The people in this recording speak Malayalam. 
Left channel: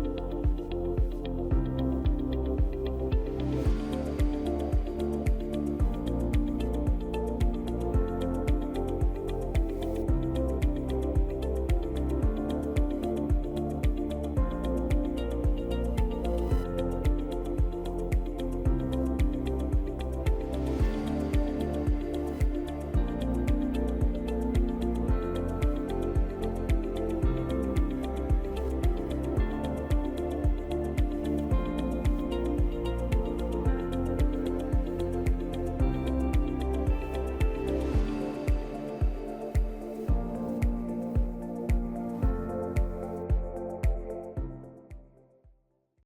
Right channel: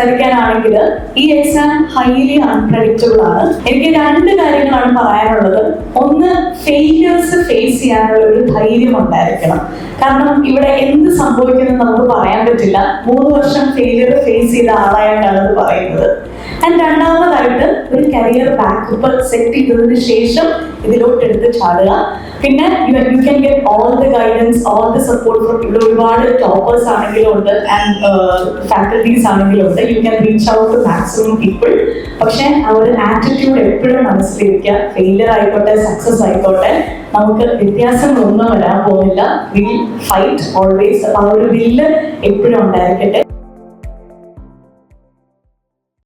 സംസാരിക്കാനാണെങ്കിൽ ഈ എക്സാം ഹൈലി അൺപ്രഡിക്റ്റബിൾ ആണ്. എനിക്ക് 2 കാര്യങ്ങളാണ് പറയാനുള്ളത്. ഒന്ന്, ഫെയിലിയേഴ്സ് ഫേസ് ചെയ്യാനുള്ള ഒരു ധൈര്യം ഉണ്ടായിരിക്കണം. കാരണം ഇവിടെ എന്ത് സംഭവിക്കുമെന്ന് നമുക്ക് പറയാൻ പറ്റില്ല. 3 വർഷം ഫെയിലിയർ ഫേസ് ചെയ്ത ആളായിട്ടാണ് ഇത് പറയുന്നത്. ആൻഡ് രണ്ടാമതായിട്ട് ഒരു കരിയർ ബാക്കപ്പ് സെറ്റ് ചെയ്തതിന് ശേഷം ഇതിലോട്ട് എടുത്ത് ചാടുക. പിന്നെ you can get all the guidance, all the support from ഇവിടെ ഒരുപാട് ടോപ്പേഴ്സ് ആണെങ്കിലും ഉണ്ട് ആൻഡ് ഫാക്കൽറ്റീസ് ആണെങ്കിലും ഉണ്ട്. You can reach out to maximum people. പക്ഷെ ആ ഒരു ആറ്റിറ്റ്യൂഡ് എപ്പോഴും മനസ്സിലിരിക്കുക. ഫെയിലിയർ ആയിക്കോട്ടെ സക്സസ് ആയിക്കോട്ടെ, നമുക്ക് വ്യത്യാസങ്ങളൊന്നും വരാൻ പോകുന്നില്ല. Will fight always. ആ ഒരു വില്ല് എപ്പോഴും ഉണ്ടായിരിക്കട്ടെ.